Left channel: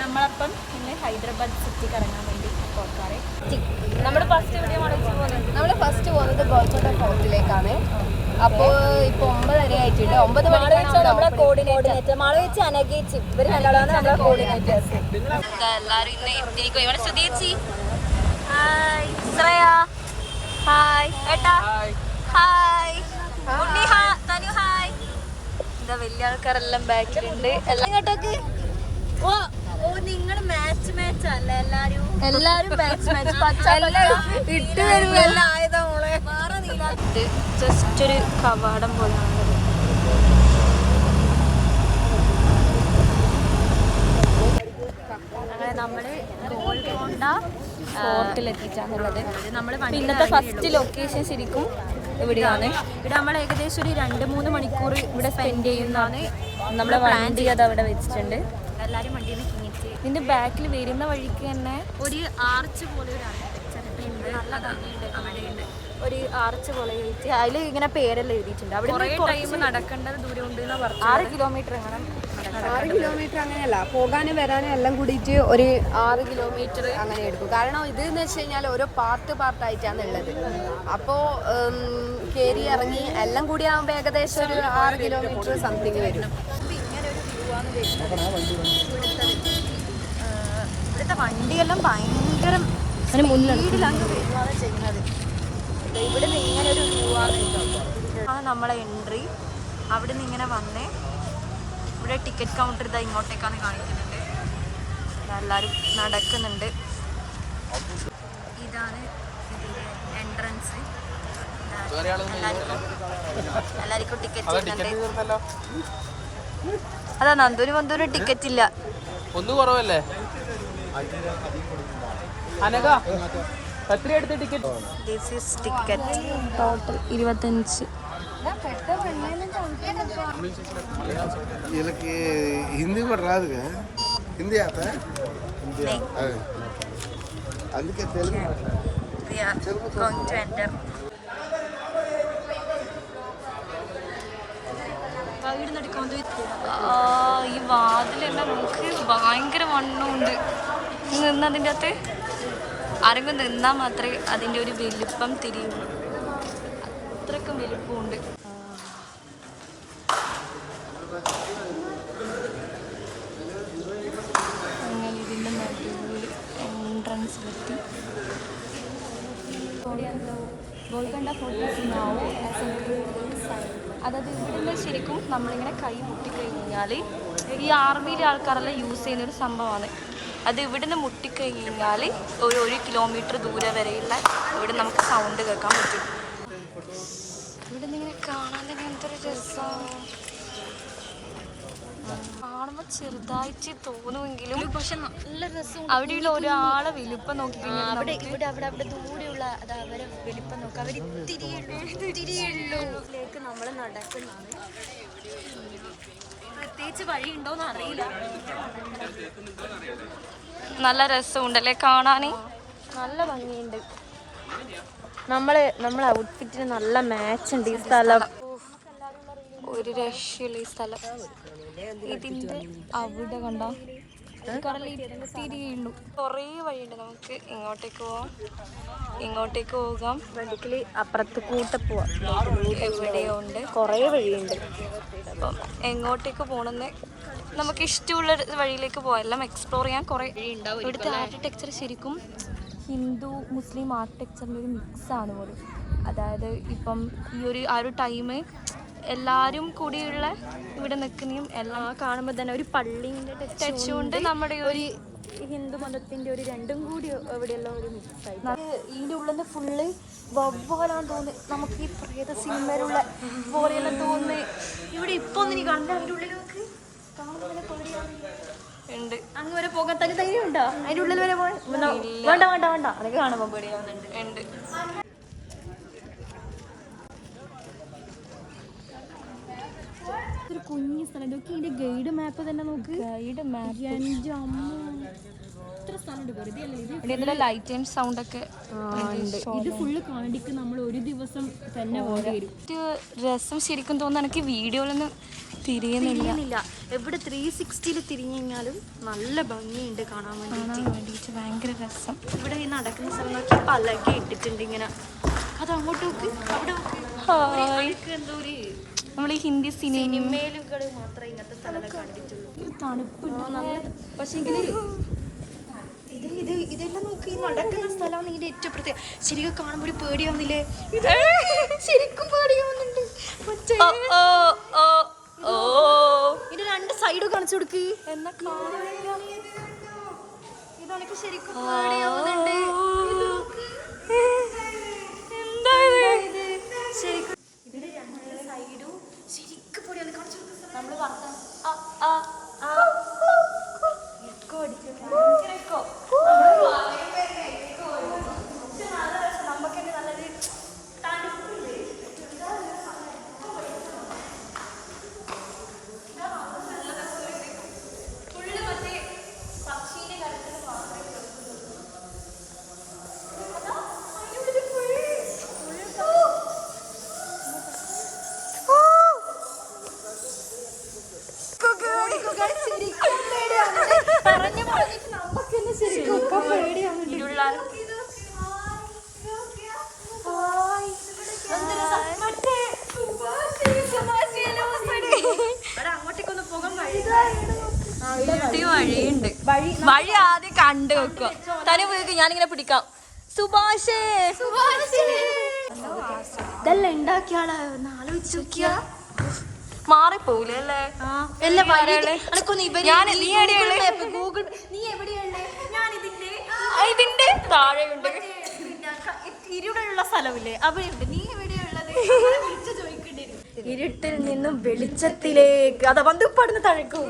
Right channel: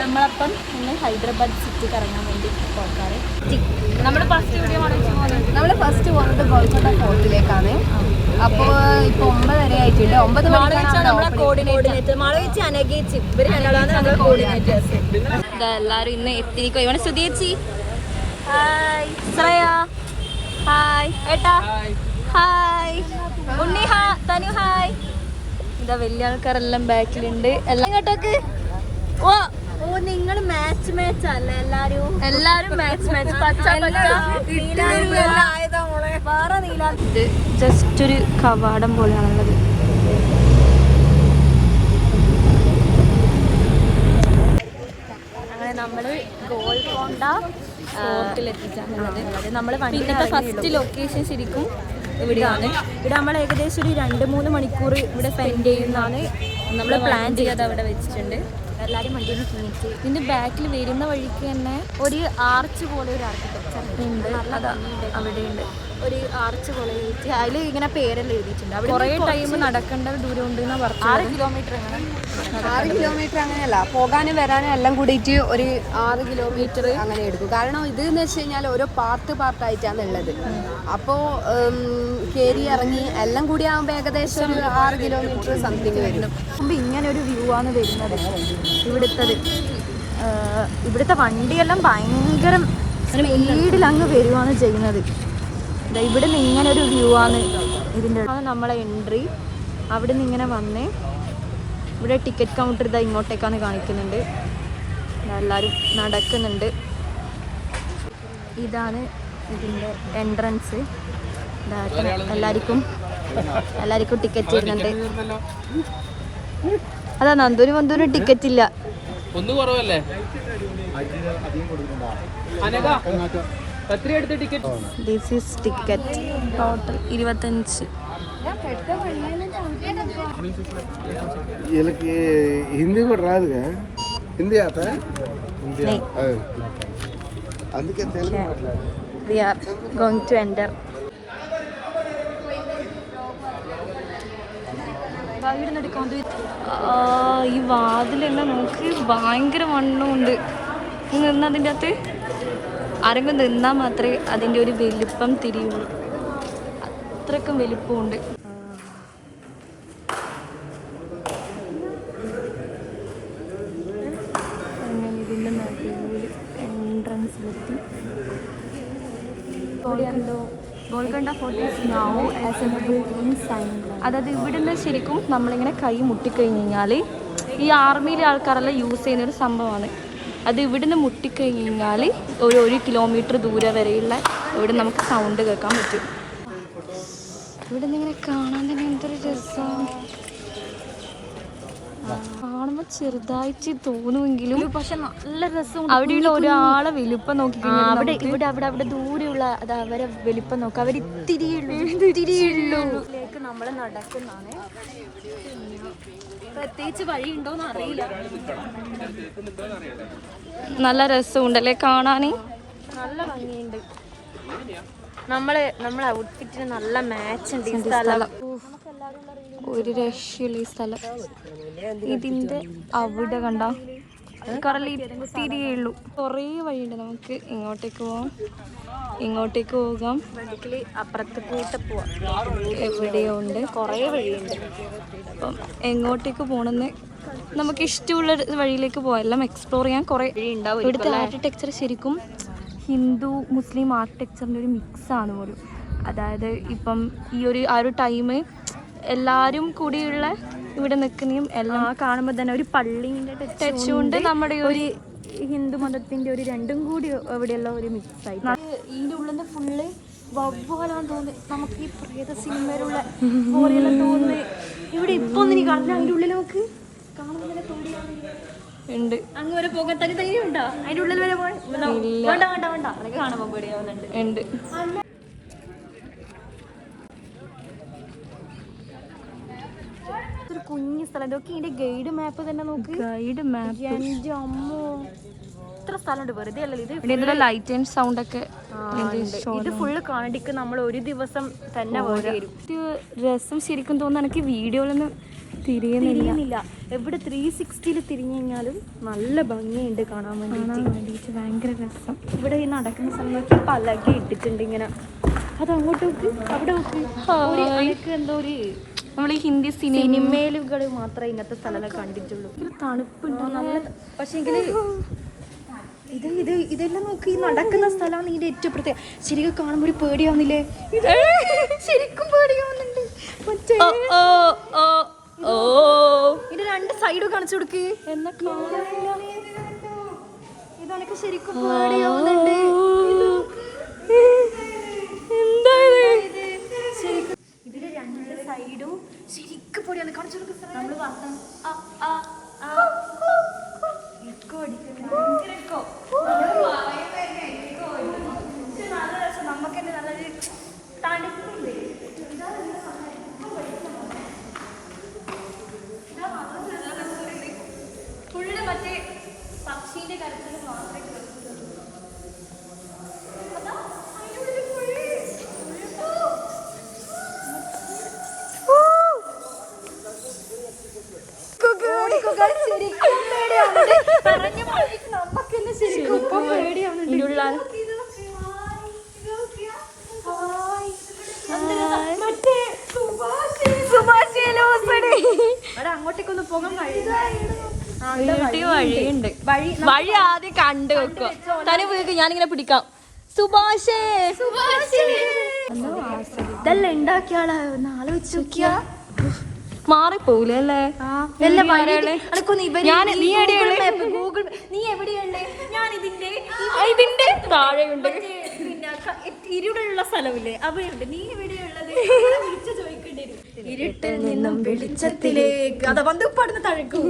നമ്മളപ്പം ഇന്ന് ഹൈദരാബാദ് സിറ്റി കറങ്ങാൻ വേണ്ടി പോകാറ്. നമ്മൾ ഫസ്റ്റ് വീഡിയോ നമ്മൾ ഫസ്റ്റ് പോകുന്നത് ഗോൾക്കൊണ്ട ഫോർട്ടിലേക്കാണ്. അപ്പോൾ ഇപ്പോൾ 9:30 ആയിട്ടുണ്ട്. 9 നമ്മളെ കോർഡിനേറ്റർ മാളവിച്ച് അനഗേച്ച് ഇവർ രണ്ടാളാണ് നമ്മളെ കോർഡിനേറ്റേഴ്സ്. എല്ലാവരും ഇന്ന് എത്തിനിക്കോ. ഇവിടെ സുധീച്ചി, ശ്രേയ, ഹായ് ഏട്ടാ, ഹായ് ഉണ്ണി, തനു, ഹായ്. ഇതാ വലിയ ആൾക്കാരെല്ലാം ബാക്കിലുണ്ട്. എല്ലാം ഇങ്ങോട്ടേക്ക്. ഓ നിങ്ങൾ മാച്ച് അല്ല, എല്ലാരും മാച്ച് ഇട്ട് വരുമല്ല ആയതാ മോളെ. ഇത് ജസ്റ്റ് ഒരു കവാടം പോലെയാണ്. അങ്ങനെ നമ്മള് ഗോൾക്കൊണ്ട ഫോർട്ടിലെത്തിച്ചാണുള്ളത്. നമ്മള് വണ്ടിയുടെ ഫസ്റ്റ് ലൊക്കേഷൻ ശരിക്കും ഇവിടെയാണ്. ഇവിടെ നമ്മൾ ഏകദേശം ഒരു 2-3 മണിക്കൂർ ഇവിടെ സ്പെൻഡ് ചെയ്യുന്നതാണ് നമ്മൾ പ്ലാൻ ചെയ്യാതെ അവിടെ വെച്ചിട്ടുണ്ട്. എല്ലാവരും വണ്ടിയിൽ നിന്ന് കീണിച്ച് ഇതിൻ്റെ ബാക്കിൽ വരുന്ന വഴിക്ക് തന്നെ ഒരു ആർച്ച് പോലെ ഒരു ആർക്കിടെക്ചർ ഉണ്ട്. നല്ല ഭംഗിയുണ്ട്. അവിടെയുണ്ട് ഒരു ആർച്ച് പോലെ എഴുതി, അതിൽ ഇങ്ങനെ പേരെല്ലാം എഴുതിയിട്ടുണ്ട്. അവിടെ കുറേ ടൈം നടക്കേണ്ട ദൂരം ഉണ്ട് എന്നാണ് പറഞ്ഞത്. 6 കിലോമീറ്റർ അങ്ങനെ 6 കിലോമീറ്റർ അങ്ങനെയല്ല, പോകാനും വരാനും എല്ലാം കൂടിയിട്ട് ഒരു 6 കിലോമീറ്റർ അങ്ങനെ എടുക്കും. കാരണം ഇത് എന്ന് വെച്ച് കഴിഞ്ഞാൽ ഓരോ പാർട്ടായിട്ടാണ് ഉള്ളത്. അപ്പോൾ കയറി ഇറങ്ങി എല്ലാം കൂടി ആകുമ്പോൾ ഏകദേശം ഒരു 6 കിലോമീറ്റർ സംതിങ് വരും. ഇങ്ങനൊരു വ്യൂ ആണ് വരുന്നത്. ഇവിടുത്തെ വണ്ടിയെല്ലാം ഭയങ്കര സ്പീഡിൽ അങ്ങ് വരുവാണ് ചെയ്യുന്നത്. ഇവിടെ നിന്ന് ഇങ്ങനെ ഒരു വ്യൂ ആണ് ഇതിൻ്റെ. അത് നമ്മളെ എൻട്രി. അവിടെ നിന്ന് ഇങ്ങനെ വന്നേ ഇവിടെ ടിക്കറ്റ് കൗണ്ടർ ഇതാ ഇങ്ങോട്ടേക്കാണ് കാണിക്കുന്നുണ്ട്. എല്ലാവരും നടക്കുന്നുണ്ട്. ഇതാണ് ഇതിൻ്റെ എൻട്രൻസ്. എല്ലാവർക്കും ടിക്കറ്റ് തരുന്നുണ്ട്. അതാ നന്ദൂരും ടിക്കറ്റ് ഇല്ല. This is ticket 25. हिंदी में राज है, हिंदी आता है नहीं. Okay. We are going to enter. ഈ വാതിൽ തന്നെ നോക്ക്, ഭയങ്കര വണ്ണമുണ്ട്. നിന്നതിൻ്റെ അകത്ത് ആരെങ്കിലും നിന്നാൽ മാത്രമേ അതിൻ്റെ ഒരു വലിപ്പം തിരിയുള്ളൂ. അത്രയ്ക്കും വലിപ്പമുണ്ട്. അങ്ങനെ ഇതിൻ്റെ നടുവിൽ എൻട്രൻസിലെത്തി. ഗോൾക്കൊണ്ട അതായത് ഇവിടുന്ന് ശരിക്കും നമ്മളിങ്ങനെ കൈ മുട്ടിക്കഴിഞ്ഞ് കഴിഞ്ഞാൽ ഈ ആർമിയിലെ ആൾക്കാരെല്ലാം യൂസ് ചെയ്യുന്നൊരു സംഭവമാണ്. അത് ഇവിടുന്ന് മുട്ടിക്കഴിഞ്ഞ് കഴിഞ്ഞാൽ ഒരു 1 കിലോമീറ്റർ ദൂരെ വരെയുള്ള ഇവിടെ നമുക്ക് സൗണ്ട് കേൾക്കാൻ പറ്റും. ഇവിടെ നിന്ന് ഇങ്ങനെ കാണാൻ തന്നെ എന്തൊരു രസമാണ്. കാണുമ്പോൾ ചെറുതായിട്ട് തോന്നുമെങ്കിലും നല്ല രസം. അവിടെയുള്ള ഒരാളെ വലിപ്പം നോക്കിക്കഴിഞ്ഞാൽ അവിടെ ദൂരെയുള്ള അത് അവരെ വലിപ്പം നോക്കാം. അവർ നമ്മൾ നടക്കുന്നതാണ്. പ്രത്യേകിച്ച് വഴിയുണ്ടോന്ന് അറിയില്ല. നല്ല രസമുണ്ടല്ലേ കാണാൻ, നല്ല ഭംഗിയുണ്ട്. നമ്മളെ ഔട്ട്ഫിറ്റിന് നല്ല മാച്ച് ഉണ്ട് ഈ സ്ഥലം. ഒരു രക്ഷയുള്ള ഈ സ്ഥലം. ഇതിന്റെ അവിടെ കണ്ട കുറേ തിരിയുള്ളൂ. കുറേ വഴിയുണ്ട്. നമുക്ക് ഇങ്ങോട്ടേക്ക് പോകാം, അപ്പുറത്ത് കൂട്ട് പോവാം. എവിടെയോ ഉണ്ട്, കുറേ വഴിയുണ്ട്. അപ്പം എങ്ങോട്ടേക്ക് പോകണമെന്ന് നമുക്ക് ഇഷ്ടമുള്ള വഴിയിലേക്ക് പോകാം. എല്ലാം എക്സ്പ്ലോർ ചെയ്യാൻ കുറേ വഴിയുണ്ടാവും. ഇവിടുത്തെ ആർക്കിടെക്ചർ ശരിക്കും ഹിന്ദു മുസ്ലിം ആർക്കിടെക്ചറിൻ്റെ ഒരു മിക്സാണ് പോലും. അതായത് ഇപ്പം ഈ ആ ഒരു ടൈം എല്ലാവരും കൂടിയുള്ള ഇവിടെ നിൽക്കുന്നതും എല്ലാം കാണുമ്പോൾ തന്നെ ഒരു പള്ളീൻ്റെ ടച്ച് കൊണ്ട് നമ്മുടെ ഒരു ഹിന്ദു മതത്തിൻ്റെ ഒരു രണ്ടും കൂടി അവിടെയുള്ള ഒരു മിക്സായി. ഇതിൻ്റെ ഉള്ളിൽ ഫുള്ള് വവ്വാലാന്ന് തോന്നുന്നു. നമുക്ക് ഈ പ്രേത സിനിമയിലുള്ള പോലെയെല്ലാം തോന്നുന്നത്. ഇവിടെ ഇപ്പൊ അതിൻ്റെ ഉള്ളിൽ നോക്ക്, കാണുമ്പോൾ തന്നെ പേടിയാവുന്നുണ്ട്. അങ്ങ് വരെ പോകാൻ തന്നെ ധൈര്യം ഉണ്ടോ? അതിൻ്റെ ഉള്ളിൽ വരെ പോകാൻ വേണ്ട അതൊക്കെ കാണുമ്പോൾ പേടിയാവുന്നുണ്ട്. ഒരു കുഞ്ഞു സ്ഥലം. ഇതൊക്കെ ഇതിന്റെ ഗൈഡ് മാപ്പ് തന്നെ നോക്ക്. ഗൈഡ് മാപ്പ് എൻ്റെ അമ്മോ, ഇത്ര സ്ഥലമുണ്ട്. വെറുതെ അല്ലല്ലോ ഇത്. ലൈറ്റ് ആൻഡ് സൗണ്ട് ഒക്കെ ഇത് ഫുള്ള് കാണിക്ക് നമ്മൾ ഒരു ദിവസം തന്നെ വരും. രസം ശരിക്കും തോന്നുന്നു എനിക്ക് വീഡിയോയിലൊന്നും തിരിയുന്നില്ല. എവിടെ 360 തിരിഞ്ഞു കഴിഞ്ഞാലും നല്ല ഭംഗിയുണ്ട് കാണാൻ വേണ്ടിയിട്ട്. ഭയങ്കര രസം. ഇവിടെ ഈ നടക്കുന്ന സമയത്ത് പലകി ഇട്ടിട്ടുണ്ട് ഇങ്ങനെ. അത് അങ്ങോട്ട് നോക്ക്, അവിടെ നോക്ക്. എന്തോ ഒരു നമ്മൾ ഹിന്ദി സിനിമയിലുകൾ മാത്രമേ ഇങ്ങനത്തെ സ്ഥലം കണ്ടിട്ടുള്ളൂ. തണുപ്പുണ്ടോ പക്ഷേ ഇതെല്ലാം നോക്കി നടക്കുന്ന സ്ഥലമാണ് ഇതിന്റെ ഏറ്റവും പ്രത്യേകം. ശരിക്കും കാണുമ്പോൾ പേടിയാവുന്നില്ലേ? ശരിക്കും പേടിയാവുന്നുണ്ട്. ഇത് രണ്ട് സൈഡ് കാണിച്ചു കൊടുക്ക്. എന്നാ കാണാനില്ല. ഇതെനിക്ക് ശരിക്കും എന്താ ശരിക്കും ഇതിന്റെ രണ്ട് സൈഡും ശരിക്കും പൊടിയാണ് കാണിച്ചു കൊടുക്കുന്നത്. നമ്മള് വർത്താനം നമുക്ക് നല്ലൊരു തണുപ്പുണ്ട്. ഫുള്ള് മറ്റേ പക്ഷീന്റെ കാര്യത്തിൽ മാത്രമേ വഴിയുണ്ട്. വഴി ആദ്യം കണ്ടു വെക്കുക. തല വീക്ക് ഞാനിങ്ങനെ പിടിക്കാം. സുഭാഷേ മാറിപ്പോവില്ലേ അല്ലേ? നീ എവിടെയുള്ളേ? ഞാൻ ഇതിന്റെ താഴെയുണ്ട്. പിന്നെ ഇരുടുള്ള സ്ഥലമില്ലേ അവിടെയുണ്ട്. നീ എവിടെയുള്ളത്? ഇരുട്ടിൽ നിന്നും വെളിച്ചത്തിലേക്ക് അതാ വന്ന് തഴക്കു.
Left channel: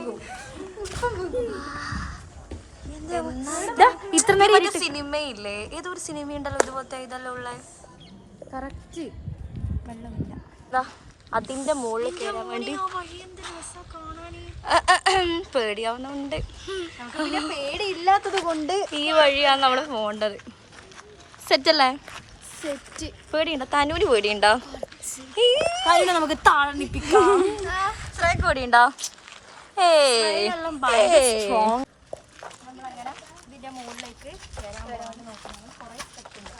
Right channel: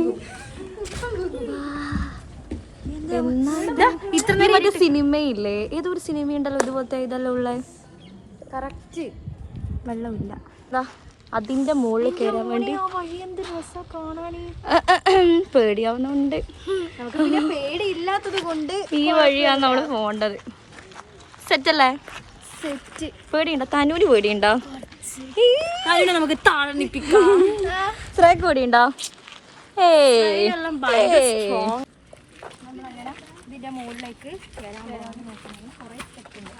ഇത്ര മറ്റേ സിനിമയില്ലേ? ഏതൊരു സിനിമയുണ്ടല്ലോ ഇതുപോലത്തെ ഇതെല്ലാം ഉള്ള കറക്റ്റ് വെള്ളമില്ല. അതിന്റെ മുകളിൽ കയറാൻ വേണ്ടി പേടിയാവുന്നുണ്ട്. നമുക്ക് പിന്നെ പേടിയില്ലാത്തത് കൊണ്ട് ഈ വഴിയാണ് നമ്മൾ പോകേണ്ടത്. സെറ്റല്ലേ? സെറ്റ്. പേടിയുണ്ടോ? തനൂര് പേടിയുണ്ടോ? നമുക്ക് താഴെപ്പിക്കാം. ശ്രേക്ക് പേടിയുണ്ടോ? ഇതിന്റെ മുകളിലേക്ക് കയറാൻ പോകാൻ നോക്കുന്നത്. കുറെ സ്റ്റെപ്പുണ്ട്.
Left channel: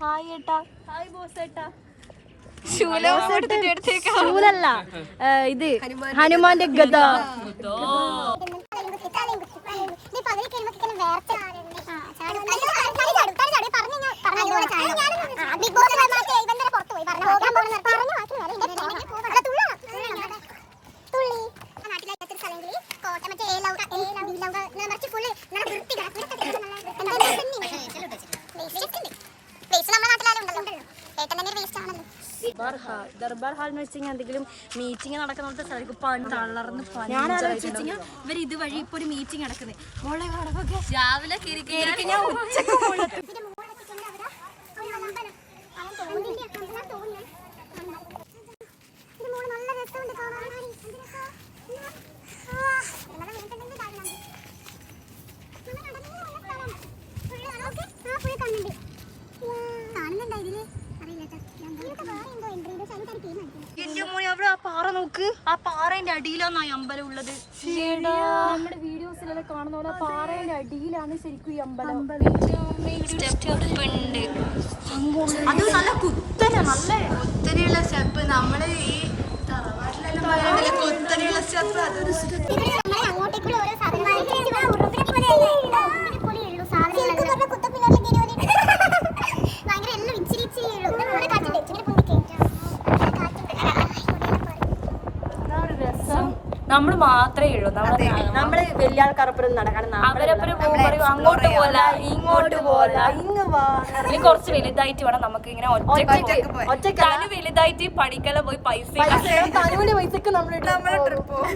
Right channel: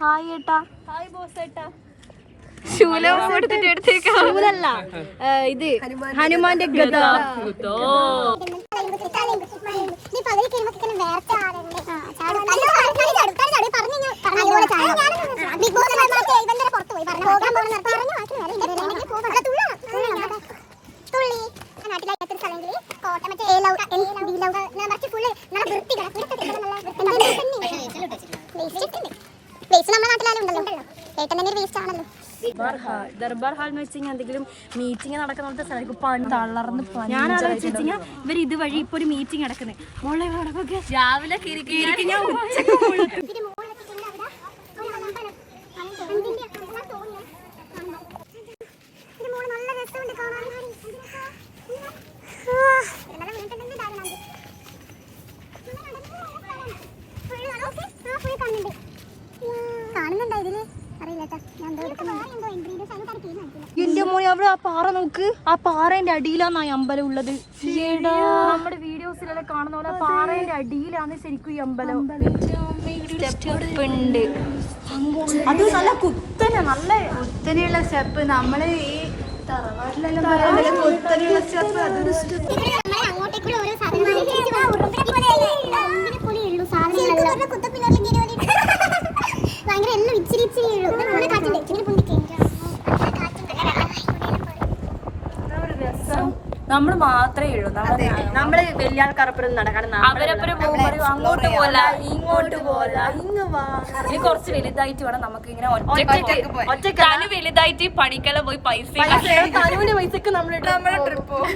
ഹായ് ഏട്ടാ. ഹായ് ബോസ് ഏട്ടാ. ശൂലല്ല, ഇത് ഹനുമാന്റെ ഗദ. ദർബാർ ഹാൾ എന്ന് വെച്ച് കഴിഞ്ഞാൽ എന്തെങ്കിലും മീറ്റിംഗ് നടക്കുന്ന തളർന്ന് ഞാൻ ആലോചിച്ച് വെച്ച് കഴിഞ്ഞാൽ ഇവർ ഇതുവഴി ഇപ്പൊ ഒരു മീറ്റിംഗ് നടക്കുന്നത്. മോളെ രാവിലെ എന്റെ മോനെ അവിടെ ആ പാറ നോക്ക്. ആ പാറേന്റെ അടിയിലാണ് ആ അമ്പലം ഉള്ളത്. നമ്മുടെ വീഡിയോസിലെല്ലാം കാണുന്ന പോലെ പാറേന്റെ അടിയിലാണ് ശരിക്കും ഈ അമ്പലം. സ്റ്റെപ്പ് ഉണ്ട്. അത് നല്ല കുത്തനെയുള്ള സ്റ്റെപ്പ്. നമ്മള് ഈ തറവാട്ടിലെല്ലാം പറയുന്നത് കുത്തനെയുള്ള സ്റ്റെപ്പ്. നമ്മൾ മാത്രമേ ഉള്ളൂ. നമ്മള് വലിയ ആൾക്കാരപ്പുറം നടക്കണം. അവരപ്പുറം പോകുമ്പോൾ അങ്ങോട്ട് പോലെ ഇങ്ങോട്ട് പോലെ ഇനി കുറച്ച് വലുതായിട്ട് വേണം നമുക്ക് ഇങ്ങനെ ഒറ്റ വലുതായിട്ട് പഠിക്കല പോയി പൈസ തനുവിന്റെ പൈസക്ക് നമ്മളെ ട്രിപ്പ് പോകും.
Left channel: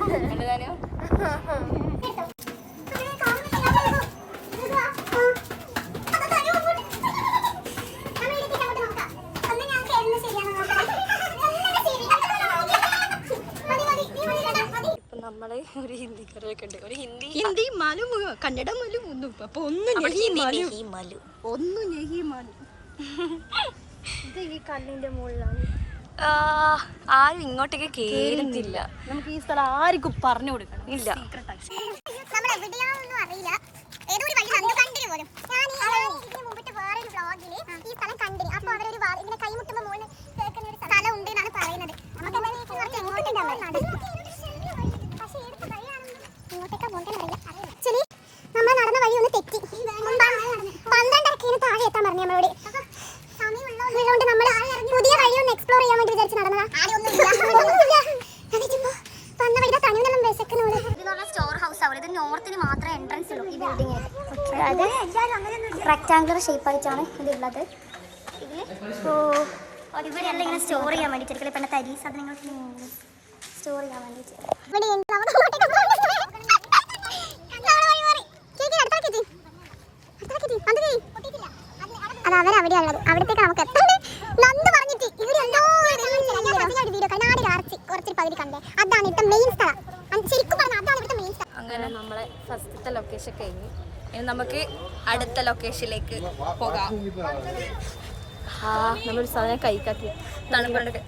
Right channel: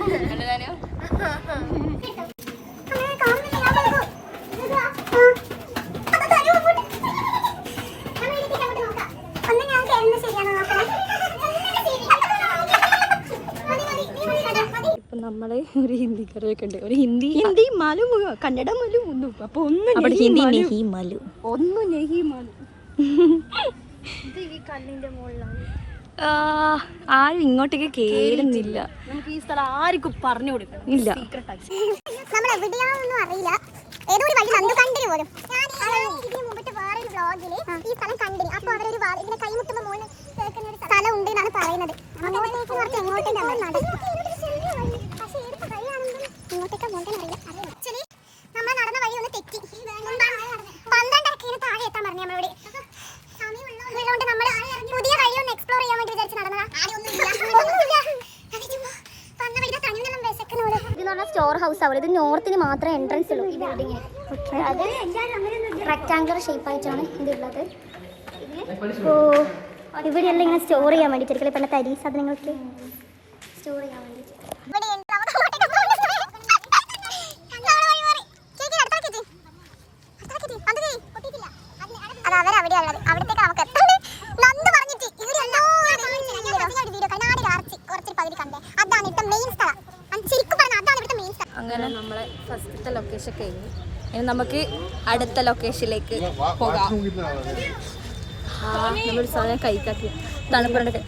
നമ്മള് ഒരു ഹിന്ദിക്കാരൊക്കെ ഉണ്ട്. ഒരു ഹിന്ദി മാലു കന്നഡ മാലു ഒന്നും അപ്പൊ അവിടെ ഹിന്ദി നെഹി മലു ഒന്നും നെഹി മാലു. ആരും ഇങ്ങോട്ടേക്ക് കേറുന്നില്ല. നമുക്ക് ഈ സ്ഥലം ആർക്കും പറഞ്ഞു കൊടുക്കണം. ഇല്ല നമ്മൾ എവിടെയാണെന്നും അറിയില്ല. ഏതോ ഒരു വഴി കണ്ടു കണ്ടിന് പോലും. ഇതിന് മുമ്പത്തെ വേറൊരു വ്ളോഗില് ഈ സ്ഥലം കണ്ടിന്. അപ്പൊ അവരൊരു ഇങ്ങനെ കൈമുട്ടുമ്പോ മോളിൽ കേൾക്കുന്ന ഒരു സ്ഥലം ഉണ്ട് എന്നാണ് പറയുന്നത്. അങ്ങോട്ടേക്ക് കുറച്ച് എങ്ങോട്ടേക്ക് ഇങ്ങോട്ടേക്കാ പോകണമെന്നറിയില്ല. ആക്ച്വലി നമ്മൾ നടന്ന വഴി ഒന്ന് തെറ്റി. 12:30 താഴെ എത്താൻ പറഞ്ഞു നമ്മളോട്. അതുകൊണ്ട് നമ്മൾ പുതിയ വഴി ഒന്ന് എക്സ്പ്ലോർ ചെയ്യാൻ വേണ്ടി വിചാരിച്ച് നടന്നതാ. സ്റ്റോർ ഹൗസ് ആവുന്നത്. ഇത് നോർത്തിന് മാത്രമേ എൻട്രൻസ് ഉള്ളൂ ഈ ബിൽഡിംഗ്. അത് റെക്ടാങ്കുലർ ഷേപ്പ് ആയിട്ടാണ് ഇതുള്ളത്. ഇവിടെയെല്ലാം ഇങ്ങനെ സ്റ്റോർ ചെയ്യാൻ വേണ്ടിയിട്ട് പണ്ട് തരി സാധനങ്ങൾക്ക് സ്റ്റോർ ചെയ്യാൻ വേണ്ടിയിട്ട്. അവിടത്തേക്ക് നമുക്ക് അങ്ങനെ നമ്മള് ഫസ്റ്റത്തെ ലൊക്കേഷൻ കഴിഞ്ഞു. ഇനി നമുക്ക് അടുത്ത ലൊക്കേഷനിലേക്ക് പോകാം. നമ്മളൊരു സാധനം കഴിക്കാത്ത തണുപ്പുണ്ട്.